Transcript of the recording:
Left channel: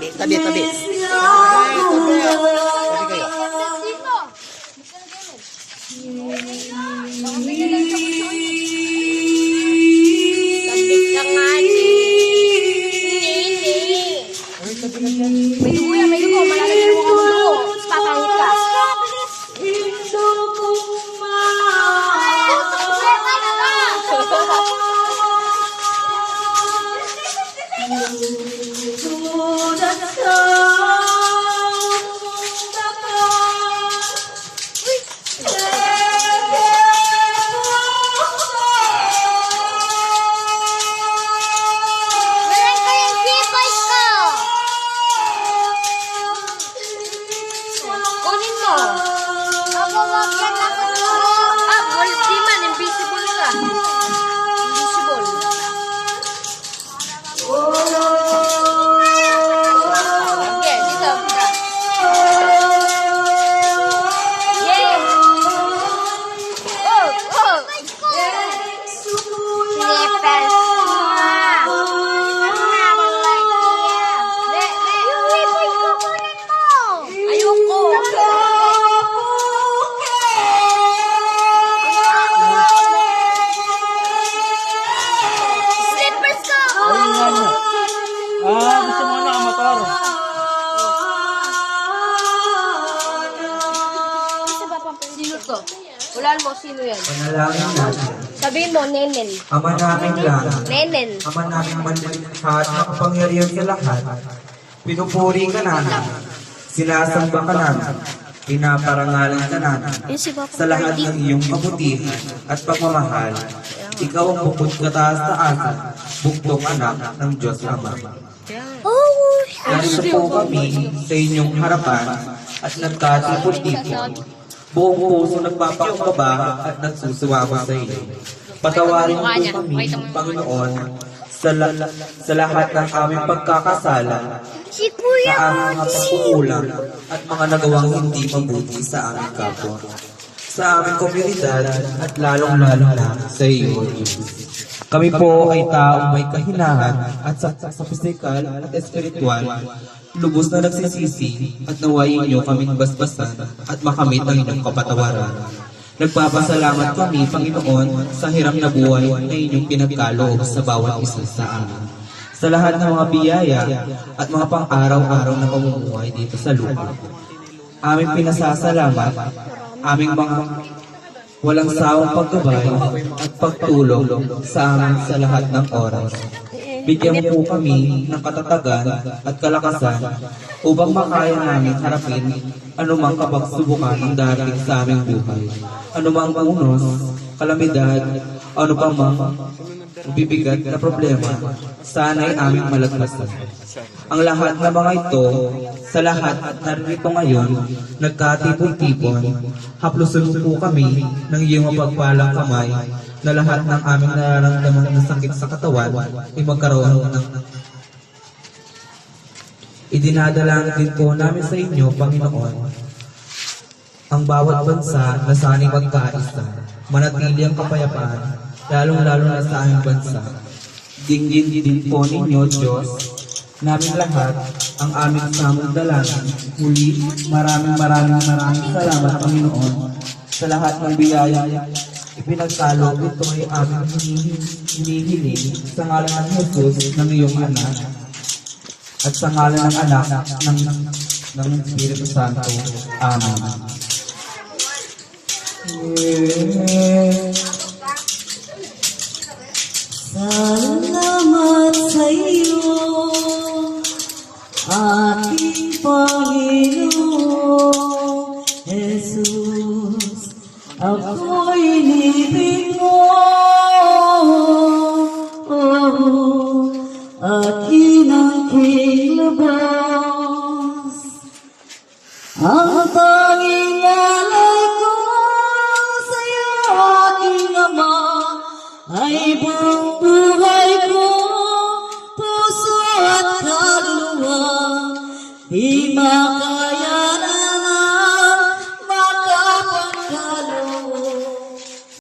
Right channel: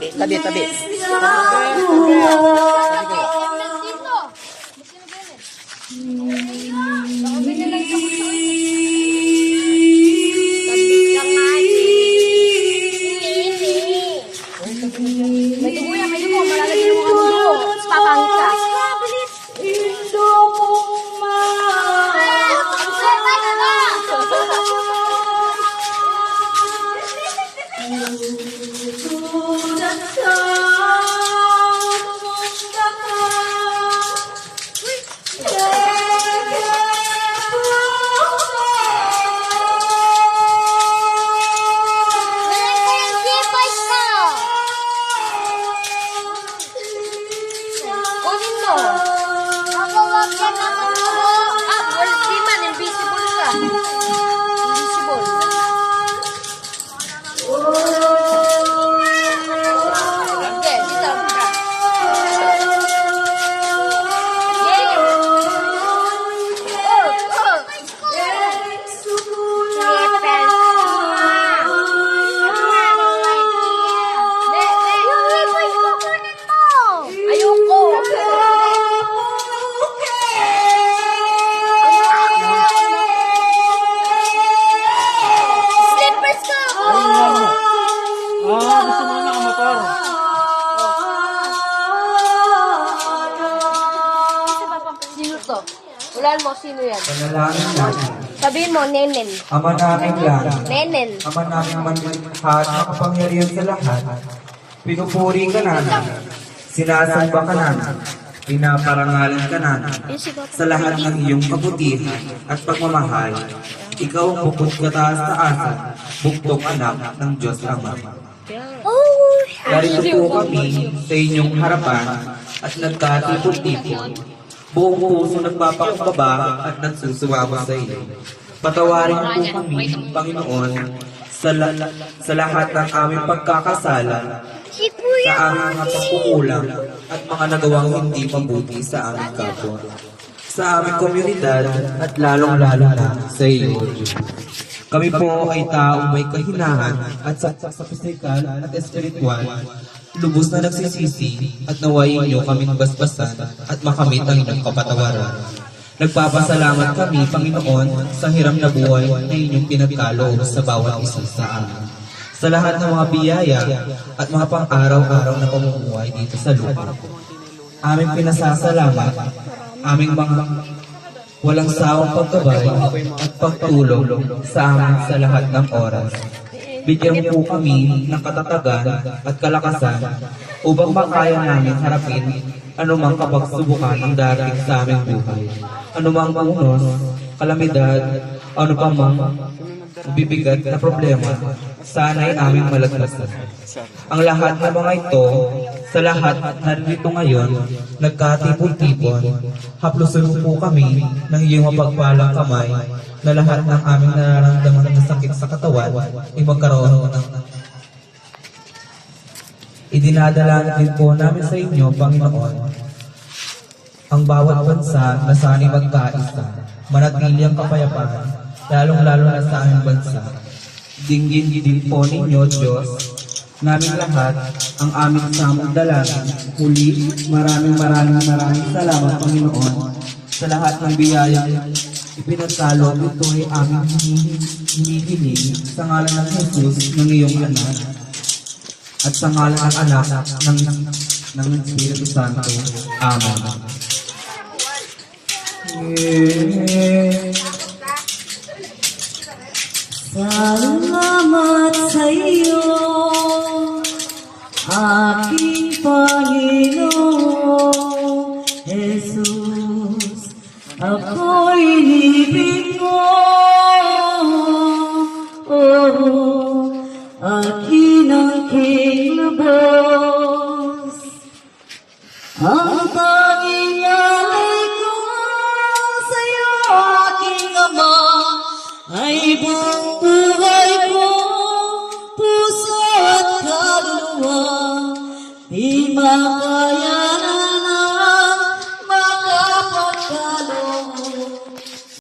tabi. Tabi kayo. Ulan mo, sino yan? Panalangin natin. Sabihin mo, Nenel. Ama namin lang. Nenel. Ama namin manlilikha at makapangyarihan sa lahat. Pinupuri ka namin. Sinasamba ka namin. Pinaparangalan ka namin. Sa lahat ng iyong kabutihan at pagmamahal, ikaw ang bukod na taas na asa, buktong anak ng Diyos Ama. Narito po kami sa inyong harapan at nagkatipon-tipon. Buong puso nagpapakumbaba at nagsusuwaba sa iyo. Patawarin mo po kami, Panginoon, sa lahat ng aming pagkakasala, sa aming pagkukulang at mga nagawang hindi mabuti sa aming kapwa, sa aming komunidad at lalong-lalo na sa iyo, Diyos. Kami po ay taong may kahinahan at sa pisikal at espiritual, lubos na nagsisisi at naway inyo kaming basbasan at makamit ang inyong kapatawaran. Nagpapasalamat kami, Panginoon, sa hirap na buhay na inyong pinagkaloob sa bawat isa sa amin. Sa lahat ng mga biyaya at mga pang-araw-araw na pamumuhay dito sa lupa. Aming pinasasalamat, aming mga walang sawang pagkabay at pagtulong sa amin sa lahat ng oras. Bigyan mo po kami ng katatagan at kalakasan upang makaya namin harapin anumang kapagsubukan ng darating sa aming buhay. Anumang unos, kalamidad, ano pa mang bibigat na problema, sana'y aming malagpasan. Ang lahat ng mga ito, sa lahat narito ngayon, nagkatipon-tipon, haplusin po kami ng iyong mapagpalang kamay na lahat ng aming nararamdaman na sakit sa katawan ay magkaroon ng idinadala din po namin sa inyo, Panginoon, ang bawat bansa na sana'y magkaisa, manatili ang kapayapaan, lalong-lalo na sa aming bansa. Dinggin din po ninyo, Diyos, naming lahat, ang aming samang-dalangin. Muli, maraming salamat, Panginoon, sa lahat ng biyaya ipinagkaloob. Ito ay aming hinihiling sa ngalan ng Jesus ng iyong anak at sa ngalan ng anak ng Espiritu Santo. Amen. Salamat sa iyo, aking Panginoon Jesus. Ako'y libing mo, at inangking lubos. Ang tanging alay ko sa'yo, aking Ama, ay buong buhay ko, puso at kaluluwa, di